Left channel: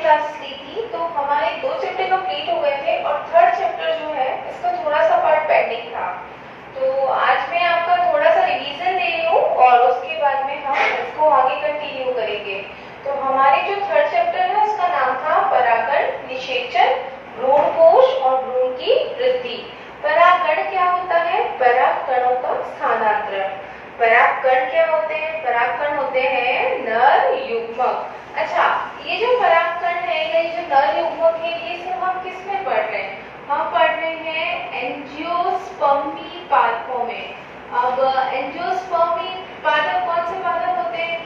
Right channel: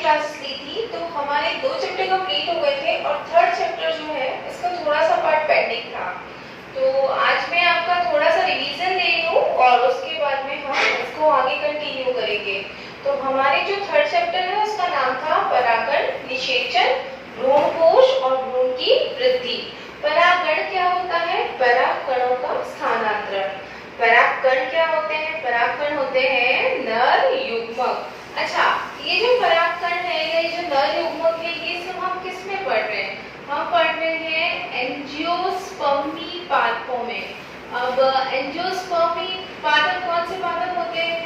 Classes ली थी तो हमारे 2 चैप्टर कंप्लीट हो गए थे और थर्ड चैप्टर जो है इसका थोड़ा सा पार्ट पेंडिंग था। तो आज मैं आपका थोड़ा सा रिवीजन ले रही हूँ और उसके बाद में हम इसको आगे कंटिन्यू करेंगे। तो हमारे जो थर्ड चैप्टर है उसका नाम था परागण, निषेचन, भ्रूणकोश और भ्रूण की वृद्धि। परागण क्या होता है? परागकणों का स्थानांतरण। परागकण क्या होते हैं? परागकण होते हैं नर युग्मक। अच्छा, ये जो परागकण है या ये जो नर युग्मक है ये सब हम किस में पढ़ रहे हैं? हम पढ़ रहे हैं एंजियोस्पर्मी पादपों में। अब एंजियोस्पर्मी पादप कौन से पादप होते हैं?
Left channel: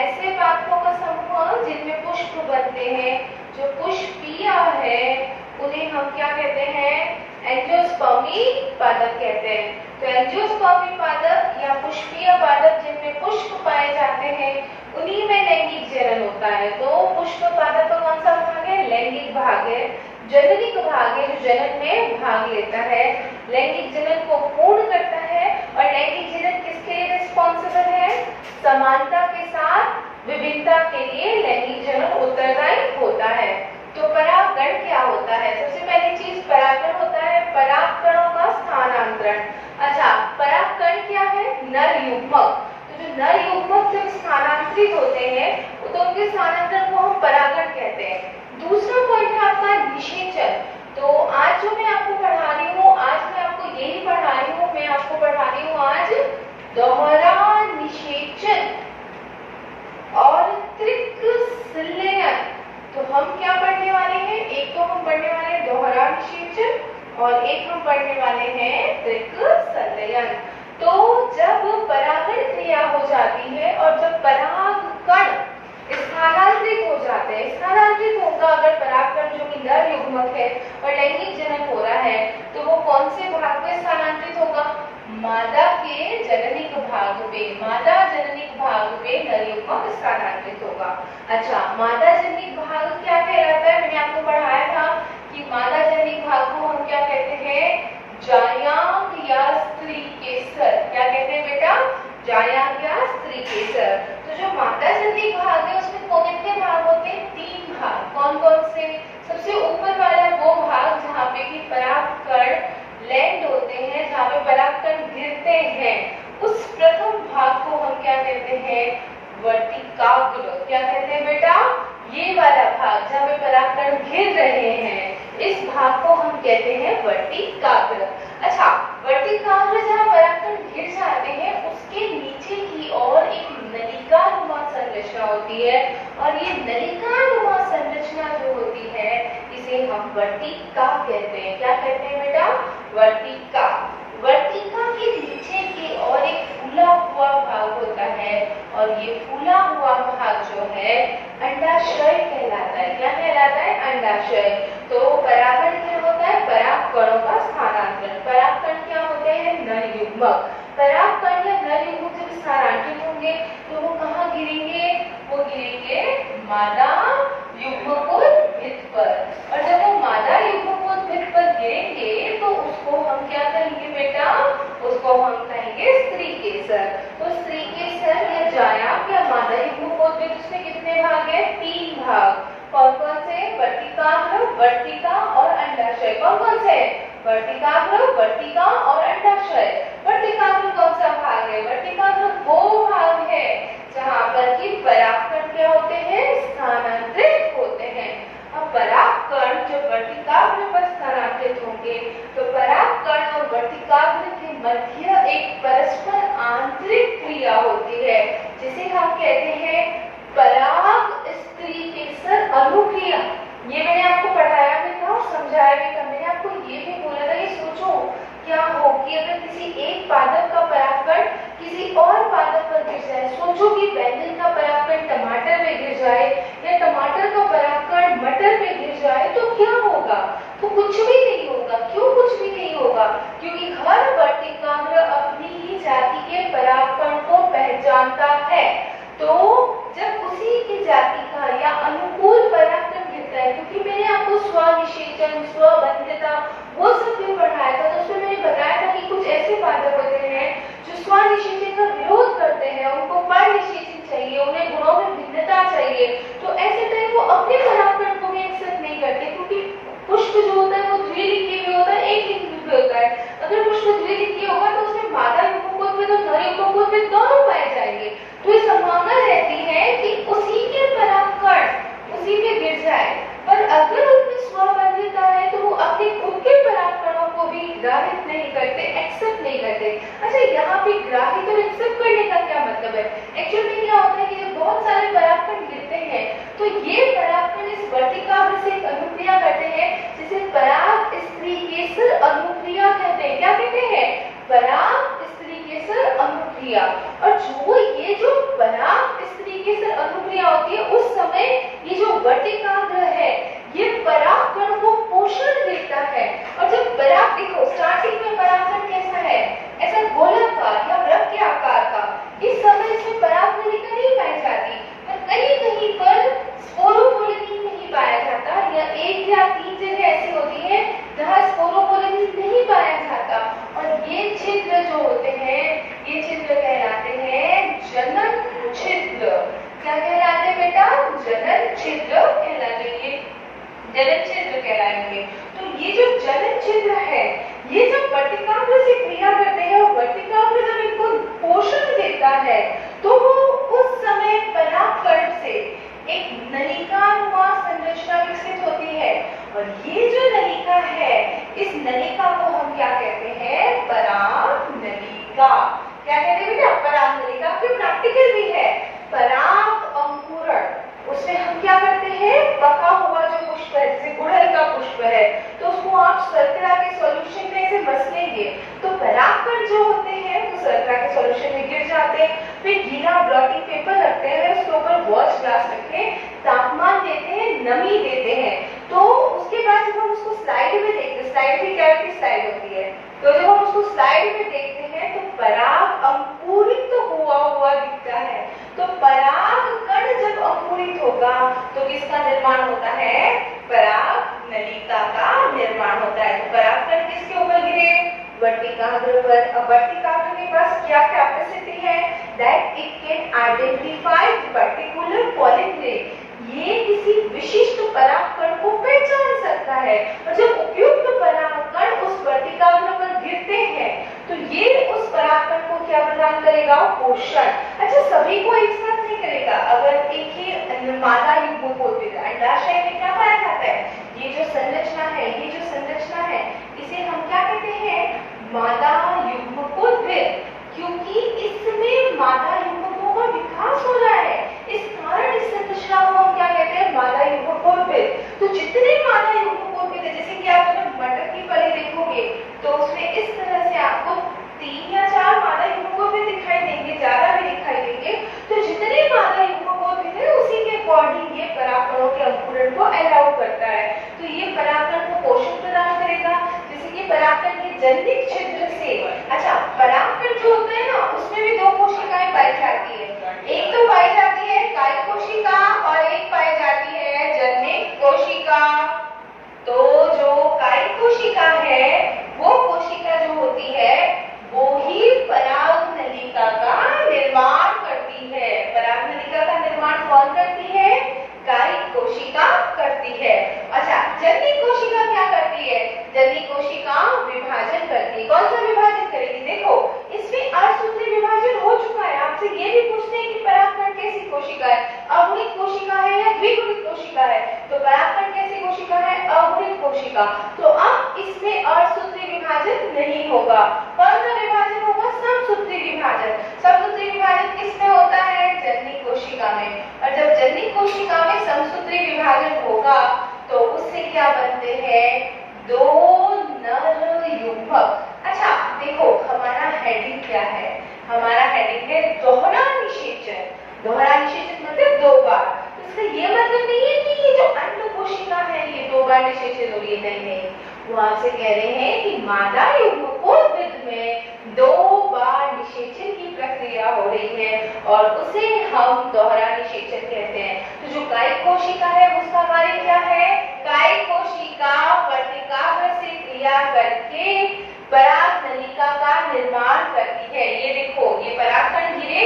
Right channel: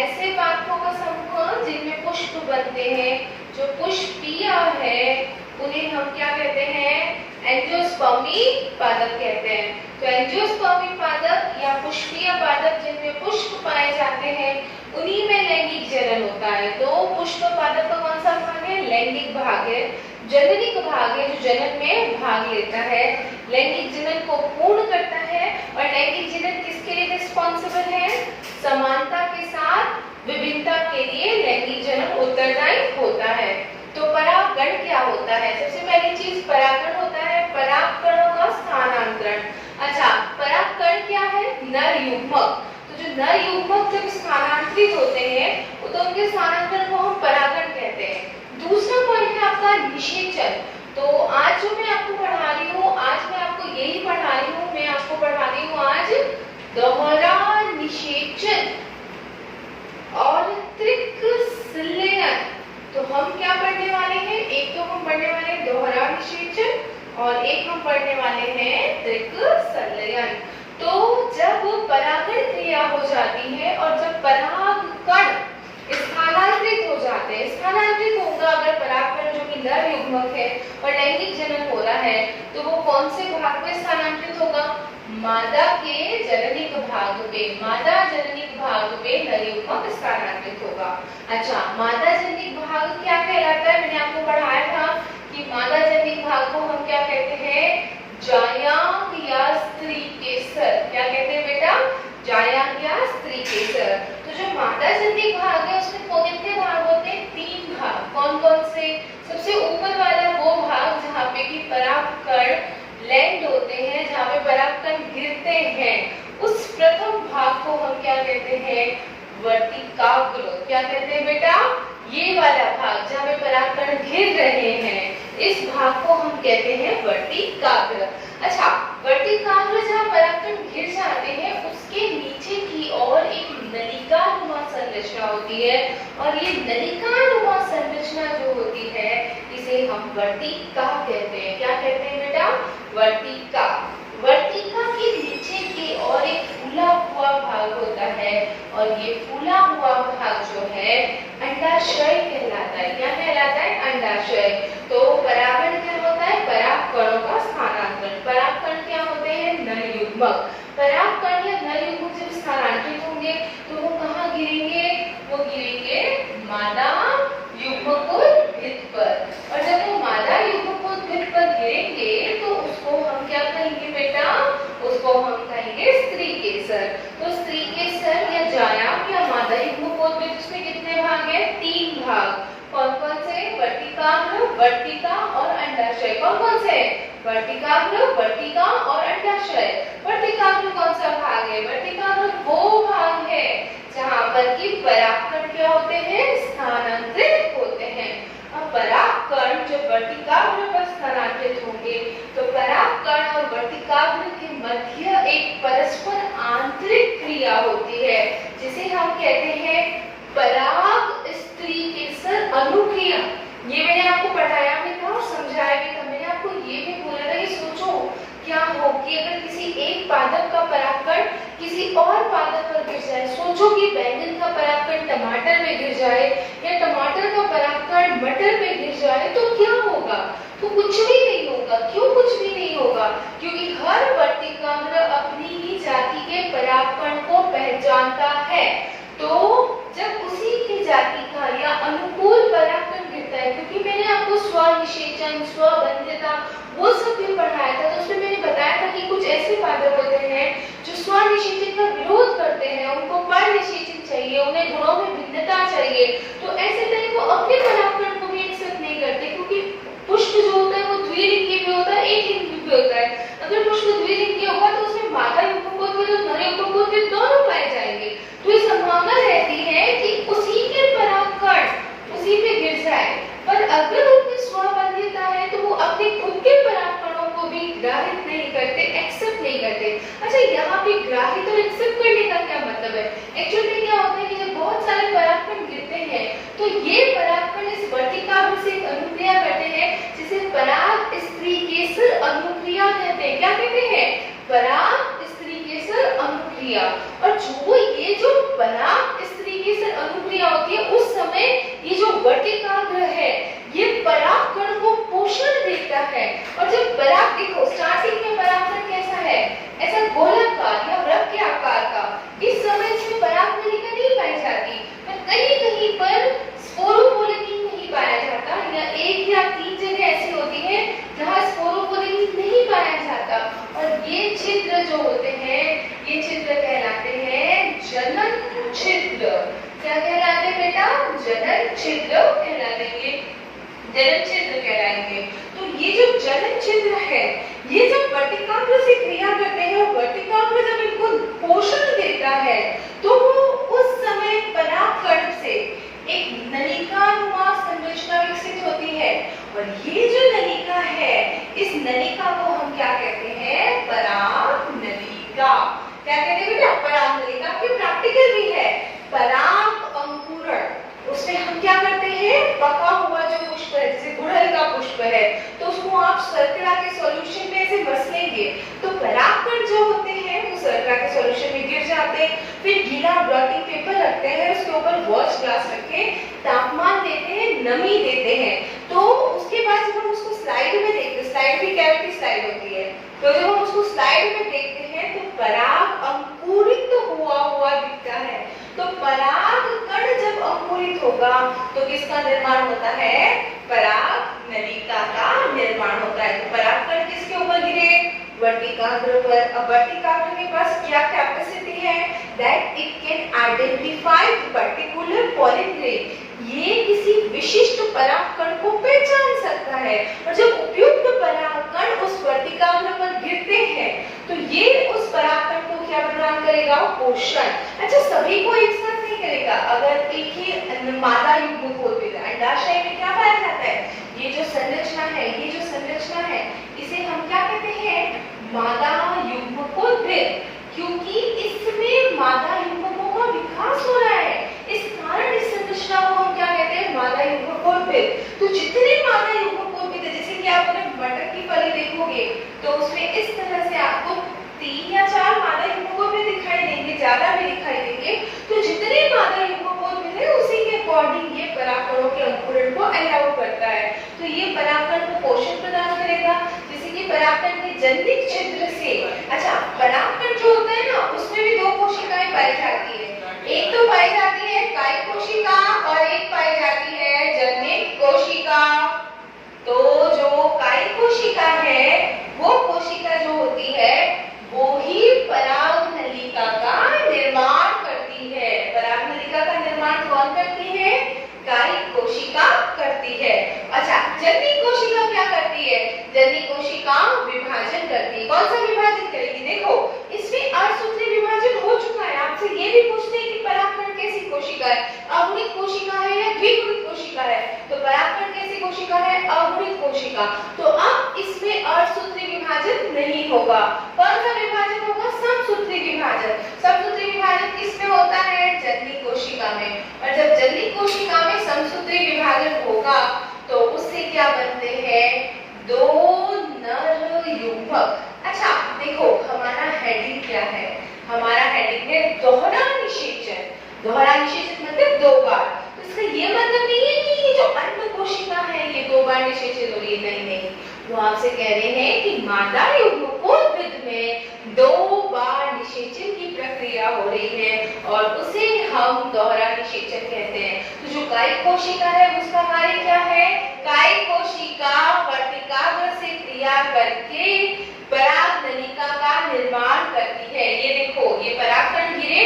ऐसे पादपों का समूह जिनमें पुष्प बनते हैं। जो पुष्पीय है उन्हें हम क्या कहते हैं? एंजियोस्पर्मी पादप कहते हैं। तो एंजियोस्पर्मी पादप या पुष्पीय पादप जिनमें पुष्प पाए जाते हैं उन्हीं में लैंगिक जनन होता है। तो पुष्प पादप का कौन सा भाग है? लैंगिक भाग है। जननिक भाग है जो जनन में भाग लेता है, लैंगिक जनन को पूर्ण करता है। और लैंगिक जनन किसके लिए रिस्पॉन्सिबल है? समानता के साथ विभिन्नता के लिए लैंगिक जनन उत्तरदायी होता है। तो परागण क्या होता है? सबसे पहली चीज परागण होता है परागकणों का स्थानांतरण। अच्छा, परागकण क्या है? नर युग्मक। तो जो नर युग्मक जब स्थानांतरित होते हैं तो उनके स्थानांतरण को हम परागण कहते हैं। दूसरा पॉइंट है आपका निषेचन। तो आज जो मैं आपको पढ़ा रही हूँ, आज मैं आपको यही पढ़ा रही हूँ, मैं आपको पढ़ा रही हूँ आज दोहरा निषेचन और त्रिक-संलयन। तो हम क्या पढ़ने वाले हैं? एक तो हम पढ़ने वाले हैं दोहरा निषेचन और एक हम पढ़ने वाले हैं त्रिक-संलयन। तो जब परागण क्रिया हो जाती है और जब परागकण स्थानांतरित हो जाते हैं, स्थानांतरित होगा अगर परागकण जो कि नर युग्मक है और लैंगिक जनन हो रहा है तो वो कौन से भाग में स्थानांतरित होगा? मादा के जननिक भाग में। मादा जननिक भाग में नर युग्मक स्थानांतरित होगा। अच्छा, मादा जननिक भाग क्या कहलाता है? मैंने आपको पढ़ाया था कि मादा जननिक भाग को हम क्या कहते हैं? जायांग या स्त्री केसर। क्या कहते हैं बेटा? जायांग या स्त्री केसर। तो जो मादा जननिक भाग है उसमें कितने भाग होते हैं? 3 भाग। कौन कौन से? सबसे ऊपर वाला वो भाग जहाँ पे कि परागकण लैंड होते हैं, जहाँ पे परागकण गिरते हैं, उस प्रथम भाग को हम क्या कहते हैं? वर्तिकाग्र। क्या कहते हैं बेटा? ये वाला भाग जहाँ पे परागकण घिर रहे हैं इस भाग को हम कहते हैं वर्तिकाग्र। अच्छा, वर्तिकाग्र जहाँ परागकण घिर जाते हैं उसके नीचे की ओर एक नलिकानुमा संरचना होती है और ये नलिकानुमा संरचना जो होती है इसे हम वर्तिका कहते हैं। क्या कहते हैं बेटा? वर्तिका। वर्तिका के नीचे की ओर एक फूला हुआ भाग होता है और ये फूला हुआ भाग जो है अंडाशय कहलाता है। क्या कहलाता है? अंडाशय। तो परागण क्या होता है? परागकणों का स्थानांतरण। परागकण क्या होते हैं? नर युग्मक। परागकण या नर युग्मक जब स्थानांतरित होंगे तो वो कहाँ गिरेंगे? वो गिरेंगे मादा युग्मकोद्भिद पर। और जब वो मादा युग्मकोद्भिद पर गिरेंगे तो उसको हम क्या कहेंगे बेटा? उसको हम कहेंगे स्त्री केसर। तो स्त्री केसर या जायांग या मादा युग्मकोद्भिद उसमें कितने भाग हैं? 3 भाग। कौन कौन से? वर्तिकाग्र, वर्तिका और अंडाशय। कौन कौन से? वर्तिकाग्र, वर्तिका और अंडाशय। वर्तिकाग्र कौन सा भाग है? वर्तिकाग्र वो भाग है जहाँ पर कि परागकण क्या होते हैं? स्थानांतरित होते हैं। अब परागकण जो वर्तिकाग्र पर स्थानांतरित होंगे तो परागकण और वर्तिकाग्र के मध्य एक परस्पर आंतरिक क्रिया होती है जिसे हम कहते हैं पराग स्त्री केसर अनुक्रिया। ये मैंने आपको पढ़ाया भी था और समझाया भी था। मैंने आपको ये भी बोला था कि सोचो क्या हो कि अगर किसी एक पादप का परागकण किसी और पादप पर गिर जाए। सोचो कि बैंगन का परागकण टमाटर में गिर जाए या टमाटर का परागकण मटर में गिर जाए तो क्या होगा? तो कुछ भी नहीं होगा। क्यों कुछ भी नहीं होगा? क्योंकि हर वर्तिकाग्र अपनी ही जाति के परागकण को पहचानता है। तो जब उसी की जाति का या अनुकूल परागकण गिरता है, क्योंकि मैंने आपको स्वनिषेचन, स्वबंध्यता वो सब भी पढ़ाया था, तो उसमें मैंने बताया था कि कुछ ऐसे पादप होते हैं जो स्वनिषेचन का विरोध करते हैं, उनको परनिषेचन चाहिए, उन्हें गुणों में भिन्नता चाहिए। तो ऐसे तरह वो अपने परागकण अनुक्रिया। और जो ये जो पराग इस तरीके से अनुक्रिया होती है उस समय ये जो वर्तिकाग्र है ये परागकण को पोषण देता है। और जब पराग, देखो स्टार्टिंग में परागकण कैसा है, ऐसा गोलाकार या वृत्त के आकार का। इस समय इसमें परागनलिका नहीं पाई जाती, पर कहीं कहीं पर स्पोरोपोलिन नहीं पाया जाता, या एक या तीन जगह ऐसी होती है जहाँ स्पोरोपोलिन नहीं पाया जाता। और ये छिद्र जो होते हैं ये छिद्र कहलाते हैं जनन छिद्र। क्या कहलाते हैं बेटा? जनन छिद्र कहलाएंगे, जनन छिद्र कहलाएंगे। तो ये जो जनन छिद्र है ये जब वर्तिकाग्र से क्रिया करते हैं और वर्तिकाग्र जब इनको पोषण देता है तो वो उस समय परागकण से एक नलिकानुमा संरचना विकसित होती है। और ये जो नलिका है इस नलिका को हम क्या कहते हैं? परागनलिका। क्या कहते हैं बेटा? परागनलिका। के प्रैक्टिकल भी है पराग अंकुरण। उसमें हम क्या करते हैं? पका हुआ जो पुष्प है, जैसे गुड़हल का पुष्प है, तो उसको आप शर्करा के सॉल्यूशन में ऐसे मसलेंगे तो परागकण जो होते हैं वो शर्करा के सॉल्यूशन में गिर जाते हैं। फिर गीला ब्लॉटिंग पेपर रखते हैं, उसके ऊपर वॉच ग्लास रखे, तापमान देते हैं, नमी देते हैं। तो उसके बाद जब हम उसको स्लाइड में देखते हैं, स्लाइड भी कैविटी स्लाइड होती है, तो जब हम उसको स्लाइड में देखते हैं तो पराग अंकुरित हुआ दिखता है। तो पराग कण जब अंकुरित होगा तो किसका निर्माण होता है? पराग नलिका का निर्माण होता है। तो पराग कण किसके ऊपर गिरे? वर्तिकाग्र पर। अब वर्तिकाग्र के पास क्या कैपेसिटी है? That it can identify particular pollen grain. ये किसी विशिष्ट परागकण को पहचान सकता है। और जब उपयुक्त परागकण उस वर्तिकाग्र पर गिरते हैं तो ये उस परागकण को क्या प्रदान करेगा? पोषण। अच्छा, सभी को एक साथ नहीं करेगा। अगर एक ही मादा युग्मकोद्भिद अंडाशय में क्या पाया जाता है? ये जो संरचना है, ये जो संरचना है इसे हम क्या कहते हैं? मादा युग्मकोद्भिद। क्योंकि इसमें मादा युग्मकों का विकास हो रहा है, इस कारण इस संरचना को हम क्या कहते हैं? मादा युग्मकोद्भिद। तो जितने मादा युग्मकोद्भिद है, जैसे कि आप अगर मटर की फली देखोगे तो उसमें इस तरह से आपको 3 या 4 मादा युग्मकोद्भिद दिखाई देंगे, ज्यादा भी दिखाई देंगे। तो जितने मादा युग्मकोद्भिद है उसी के अकॉर्डिंग ये परागकणों के अंकुरण को अलाउ करता है। तो ये परागकण को पोषण प्रदान करेगा, जैसे कि परागकण के जननिक छिद्र से। अच्छा, परागकण जो होता है ना उसमें भी 2 कोशिकाएं पाई जाती है। एक तो पाई जाती है कायिक कोशिका और एक पाई जाती है जननिक कोशिका। तो जो कायिक कोशिका है वो कोशिका जो होती है वो ही परागनलिका का निर्माण करती है। परागनलिका का निर्माण कौन करती है? कायिक कोशिका करती है। अच्छा, जननिक कोशिका क्या करती है? जननिक कोशिका विभाजन करती है। कौन सा विभाजन करेगी? देखो इसमें अर्धसूत्री विभाजन हो चुका है। आपसे ये भी पूछते हैं कि परागकण कैसी कोशिका है? अगुणित कोशिका है या द्विगुणित कोशिका है? तो परागकण कैसी कोशिका है? अगुणित कोशिका। तो अब इसमें अर्धसूत्री विभाजन नहीं होगा। कौन सा विभाजन होगा? समसूत्री विभाजन। समसूत्री विभाजन किसमें होता है? जननिक कोशिका में। और जब जननिक कोशिका में समसूत्री विभाजन होगा तो उससे क्या बनते हैं? 2 नर युग्मक। अच्छा देखो, हमारा हेडिंग क्या है? हमारा हेडिंग है दोहरा निषेचन। दोहरा निषेचन मतलब 2 बार। तो इसका ये मतलब नहीं है कि ये जो अंड कोशिका है ये 2 बार निषेचन हो रही है, नहीं। वो आपसे कह रहे हैं कि मादा युग्मकोद्भिद में 2 बार निषेचन की प्रक्रिया हो रही है और उसे हम दोहरा निषेचन कहते हैं। तो जो कायिक कोशिका है उसका कार्य क्या है? कायिक कोशिका वर्तिकाग्र से क्रिया करके परागनलिका का निर्माण करती है। ये देखो, ये परागकण गिरे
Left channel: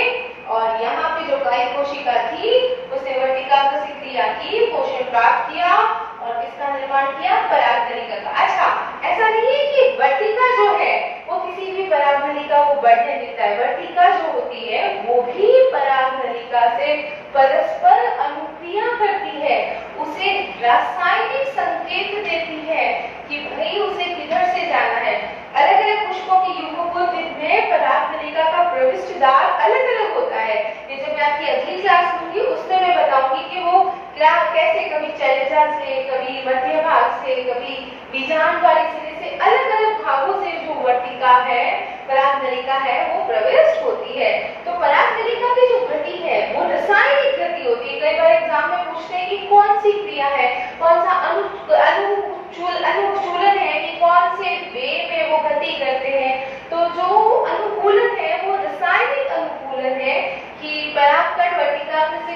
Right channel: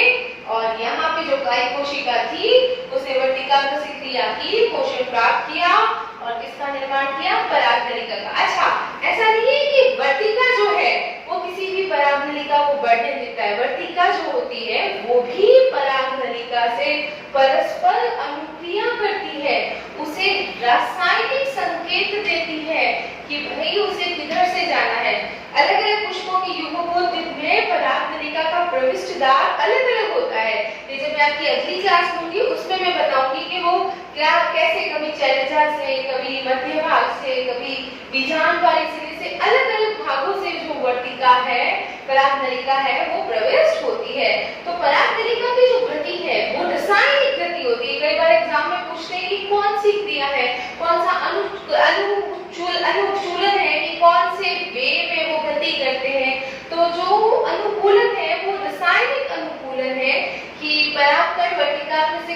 और यहाँ पे जो कायिक कोशिका थी उसे वर्तिकाग्र से क्रिया की, पोषण प्राप्त किया और किसका निर्माण किया? परागनलिका का। अच्छा, ऐसा नहीं है कि वर्तिका जो है वो किसी भी परागनलिका को बढ़ने देता है। वर्तिका जो होती है वो भी परागनलिका से परस्पर अनुक्रिया करती है, उसे रासायनिक संकेत देती है कि भाई उसे किधर से जाना है। अलग अलग पुष्पों की युग्मकोद्भिद में परागनलिका का प्रविष्ट द्वार अलग अलग होता है। ये जब मैं आपकी अगली क्लास लूंगी उसमें मैं बताऊंगी कि वो क्या कैसे कभी चैलेजा से, कभी मध्य भाग से, कभी बीजांड वाले सिरे से, अलग अलग भागों से जो वर्तिका है, परागनलिका है वो प्रविष्ट होती है।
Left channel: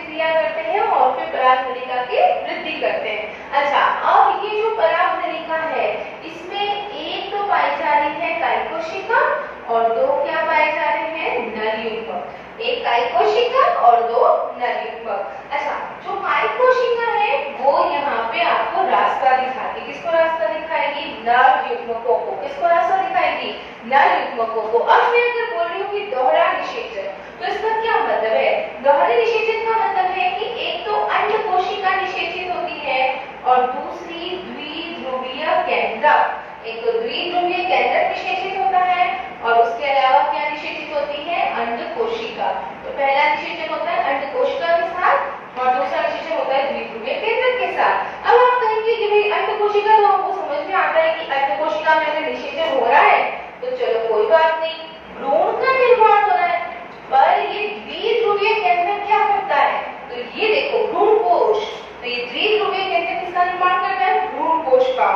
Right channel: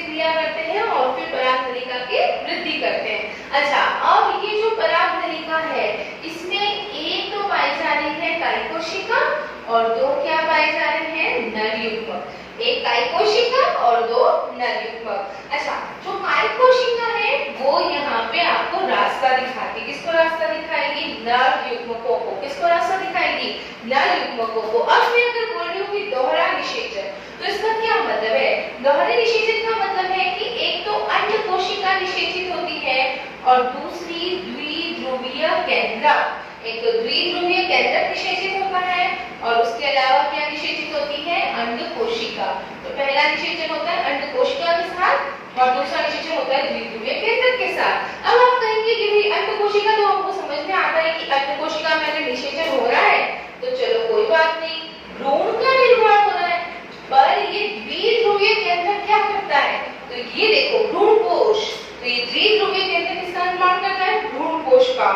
से क्रिया करते हैं और फिर पराग नलिका की वृद्धि करते हैं। अच्छा, अब ये जो पराग नलिका है इसमें एक तो पाई जा रही है कायिक कोशिका और दो क्या पाए जा रहे हैं नर युग्मक। एक कायिक कोशिका और दो नर युग्मक। अच्छा, जो कायिक कोशिका है वो यहाँ पे आपको रास्ता दिखाती है। किसको रास्ता दिखाएगी? नर युग्मकों को। किसको रास्ता दिखाएगी? नर युग्मकों को। अब मैं अगर बोल रही हूँ कि दोहरा निषेचन, तो इसका क्या मतलब है? दोहरे निषेचन का मतलब है कि एक तो अंड कोशिका निषेचित होती है और दूसरी द्विध्रुवीय केंद्रक। एक तो द्विध्रुवीय केंद्रक निषेचित होता है और उसके अलावा क्या निषेचित होती है? अंड कोशिका। तो पहला निषेचन होता है अंड कोशिका के साथ और दूसरा निषेचन होता है द्विध्रुवीय केंद्रक के साथ। अब आप कहेंगे कि भाई अंड कोशिका तो हमको समझ में आता है कि अंड कोशिका में अगर निषेचन हो रहा है तो चलो कोई बात नहीं, भ्रूण का निर्माण हो रहा है, पर ये द्विध्रुवीय केंद्रक क्या करता है? तो ये देखो भ्रूण कोश, तो ये द्विध्रुवीय केंद्रक किसका निर्माण करता है? भ्रूण कोश का।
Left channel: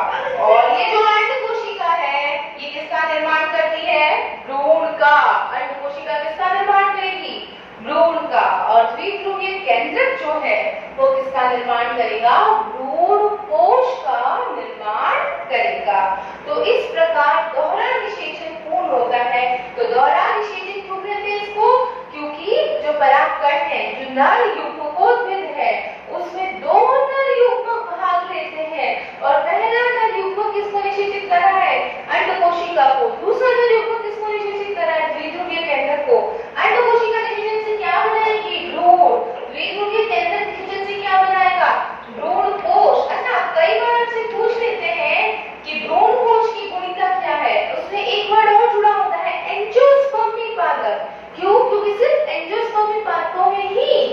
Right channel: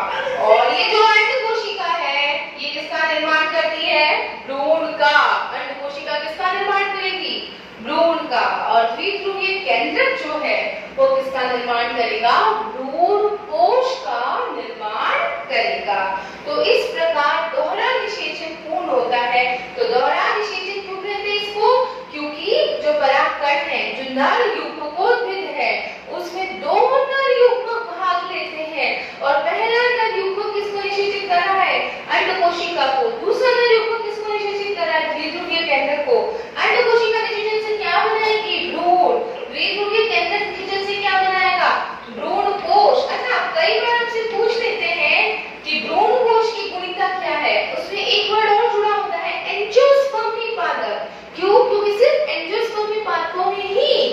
और ये जो अंड कोशिका है ये किसका निर्माण करती है? भ्रूण का। अंड कोशिका किसका निर्माण करेगी? भ्रूण का। और द्विध्रुवीय केंद्रक जो है वो किसका निर्माण करेगा? भ्रूण कोश का निर्माण करेगा। तो इस प्रकार दोहरा निषेचन पूर्ण होता है। तो दोहरा निषेचन क्यों कहते हैं इसको? क्योंकि जो परागकण है, जो नर युग्मकोद्भिद है, उसमें दो नर युग्मक भाग लेते हैं और पहला नर युग्मक किसको निषेचित कर रहा है? अंड कोशिका को। दूसरा नर युग्मक किसको निषेचित कर रहा है? द्विध्रुवीय केंद्रक को। अंड कोशिका निषेचन से क्या बनाएगी? भ्रूण। द्विध्रुवीय केंद्रक निषेचन से क्या बनाएगा? भ्रूण कोश। अच्छा, कई बार आपसे पूछ लेते हैं कि भ्रूण कोश की गुणिका क्या है? उसमें एक वर्ड और जुड़ा होता है, एंजियोस्पर्मी पादप। क्यों? क्योंकि सिर्फ एंजियोस्पर्मी पादपों में ही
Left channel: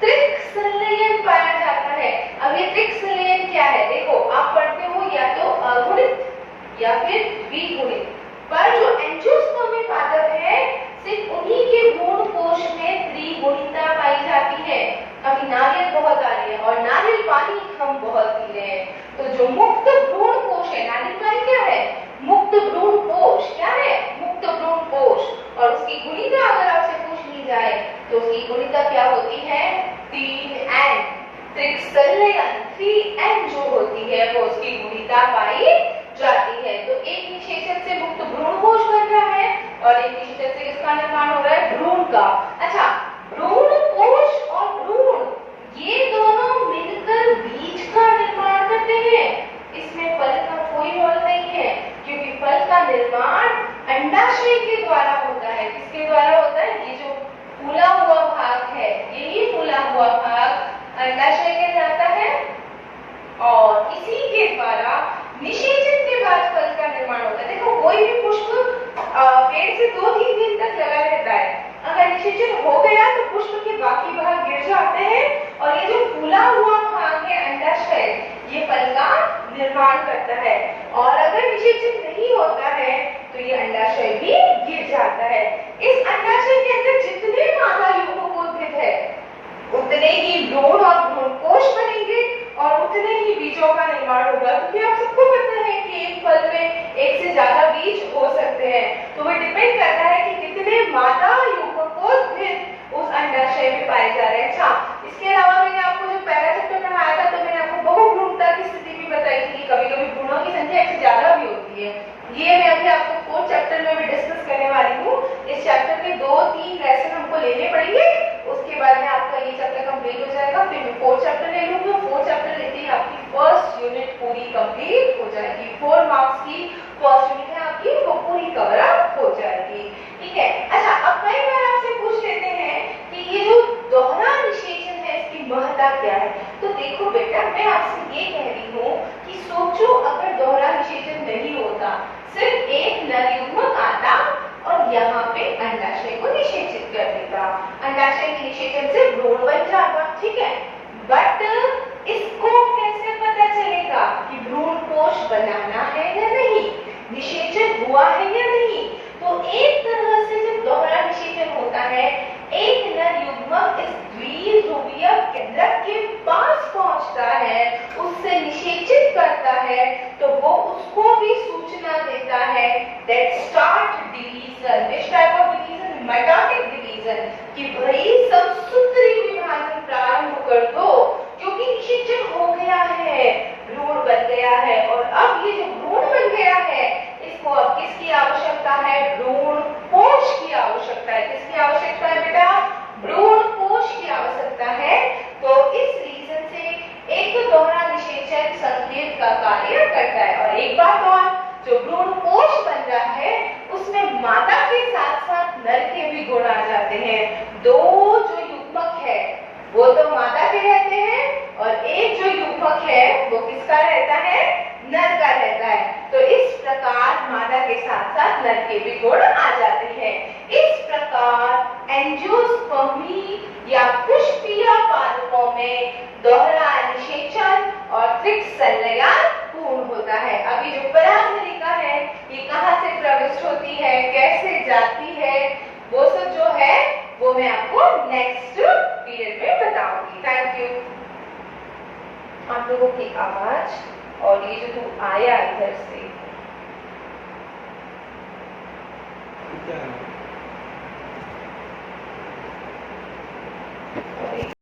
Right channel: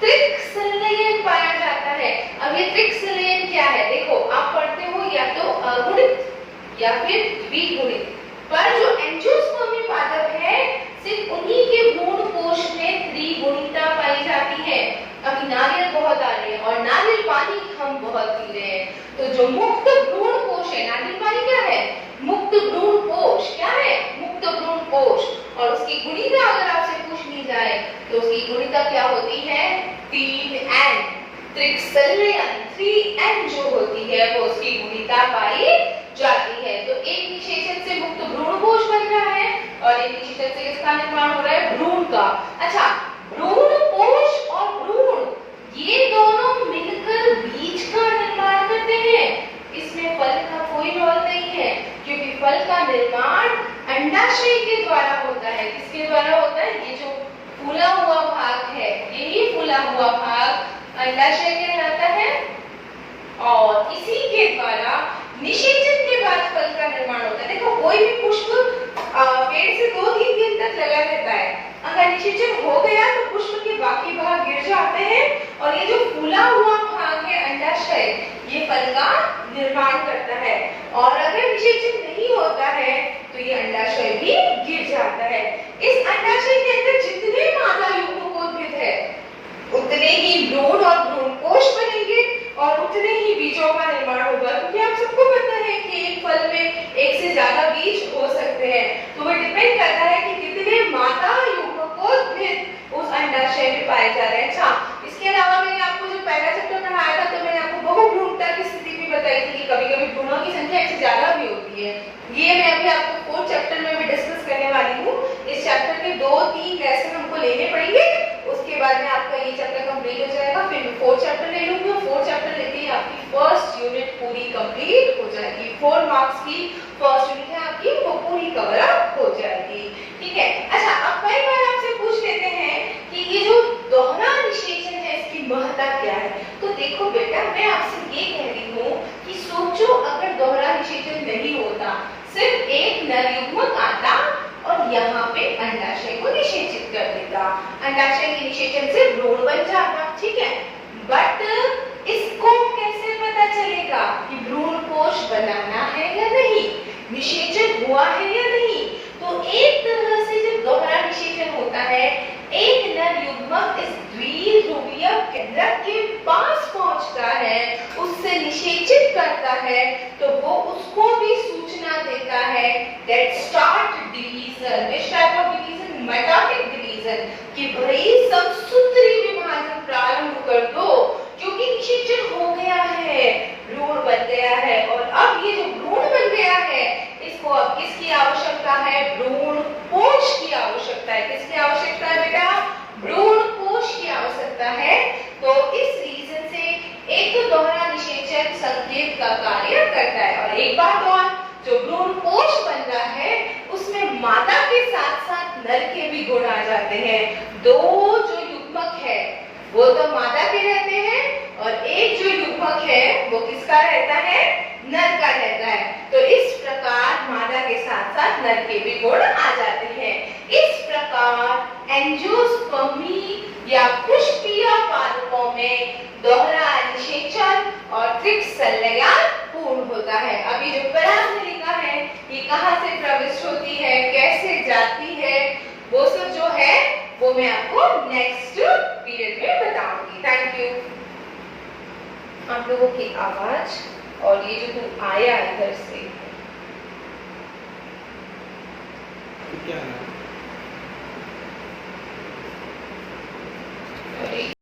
त्रिक संलयन पाया जाता है। अब ये त्रिक संलयन क्या है? देखो, आप पढ़ते हो या तो अगुणित या फिर द्विगुणित, पर जो एंजियोस्पर्मी पादप है सिर्फ उन्हीं के भ्रूण कोश में त्रिगुणिता पाई जाती है। अभी नारियल बहुत आ रही है और नारियल पानी हम बहुत पी रहे हैं, तो जो मुक्त भ्रूण कोश है, नारियल पानी क्या है? मुक्त भ्रूण कोश। क्या है? मुक्त भ्रूण कोश। और उसकी गुणिका अगर आपसे पूछ ली जाए तो उसकी गुणिका क्या होती है? 3n। त्रिक संलयन 3n जो होती है वो उसकी गुणिका पाई जाती है। तो एक निषेचन से मुक्त भ्रूण कोश बन रहा है और एक निषेचन से किसका निर्माण हो रहा है? भ्रूण का। अच्छा, भ्रूण कोश और भ्रूण ये दोनों मिलकर बीज का निर्माण करते हैं। इसमें फल का कोई रोल नहीं है क्योंकि फल का निर्माण अंडाशय के द्वारा होता है। किसके द्वारा होता है? ये जो फूला हुआ भाग है, यही फूला हुआ भाग अंडाशय कहलाता है और इसी के द्वारा निषेचन के बाद फल का निर्माण होता है। देखो, कोई भी पुष्प पेड़ से 2-3 दिन तक लगा रहता है। अगर निषेचन हो गया तो पुष्प के बाकी भाग गिर जाते हैं और ये जो फूला हुआ भाग है अंडाशय, ये फल का निर्माण करता है। और अगर निषेचन नहीं होता है तो ये अंडाशय भी गिर जाता है। इस अंडाशय के अंदर जितने मादा युग्मकोद्भिद है उतने ही भ्रूण और भ्रूण कोश बनेंगे और उतने ही बीजों का निर्माण होगा। क्योंकि आप सबको पता है कि एक फल में एक से ज्यादा बीज हो सकते हैं, तो वो डिपेंड करता है कि कितने मादा युग्मकोद्भिद उस अंडाशय में पाए जा रहे हैं। अच्छा, इसके अलावा मैंने आपको जो पहला चैप्टर पढ़ाया था तो मैंने आपको बहुभ्रूणता की स्थिति भी बताई थी कि कभी-कभी भ्रूणों की संख्या एक से ज्यादा भी होती है। ये मैं अभी आपको 4th चैप्टर में भी डिस्कस करने वाली हूँ। इस चैप्टर में 2-3 लेसन हमको लेने पड़ेंगे, उसके बाद में आपका ये चैप्टर कंप्लीट हो जाएगा। फिर मैं 4th चैप्टर ले लूंगी। 4th चैप्टर लेते ही आपकी फर्स्ट यूनिट पूरी कंप्लीट हो जाएगी। 4 मार्क्स की फर्स्ट यूनिट है आपकी, वो पूरी कवर अप हो जाएगी। ठीक है। अच्छा, अब कई बार आपसे पूछ लेते हैं कि ये जो दोहरा निषेचन है इसकी महत्ता क्या है? तो देखो बेटा, मैं आपसे ये कह रही हूँ कि सोचो अगर दोहरा निषेचन नहीं होता, सिर्फ एक नर युग्मक आता और यहाँ पे अंडाशय को निषेचित कर देता, अंडाशय के निषेचन से भ्रूण बन जाता। ठीक है, बट इसको कैसे पता चलेगा कि भ्रूण कोश बनाना है या नहीं, निषेचन हुआ है या नहीं? तो एक तरह से जब दोहरा निषेचन होता है, एक नर युग्मक इस द्विध्रुवीय केंद्रक के पास पहुंचता है, उससे निषेचित करता है, तो वो उसको भी सूचना देता है that start division, which type of division? Mitotic division, कि भाई समसूत्री विभाजन प्रारंभ कर दो, क्योंकि निषेचन हो गया है, भ्रूण बन गया है। और अब ये जो भ्रूण बन गया है, इसको अब किसकी आवश्यकता है? भ्रूण कोश की आवश्यकता है। किसकी आवश्यकता है बेटा? भ्रूण कोश की आवश्यकता है। तो इस रीजन से एक तो दोहरा निषेचन संकेत का कार्य करता है। और एक बात और, जो भ्रूण कोश बन रहा है उसमें मादा के साथ साथ नर के भी गुण आ जाते हैं। दो जो युग्मक है वो तो मादा के रहते हैं और एक जो युग्मक है वो किसका रहता है? नर का रहता है। तो इस प्रकार मादा के साथ साथ नर के भी गुण आ जाते हैं। इस प्रकार एंजियोस्पर्मी या पुष्पीय पादपों में दोहरा निषेचन और त्रिक संलयन पूर्ण होता है। अब ये जो परागनलिका है ये कहाँ से प्रविष्ट होती है, कैसे जाती है, वो सब जो है वो मैं आपको नेक्स्ट पीरियड में बताऊंगी। Thank you. आप लोगों की आवाज और ये जो तू आया इधर से क्या है?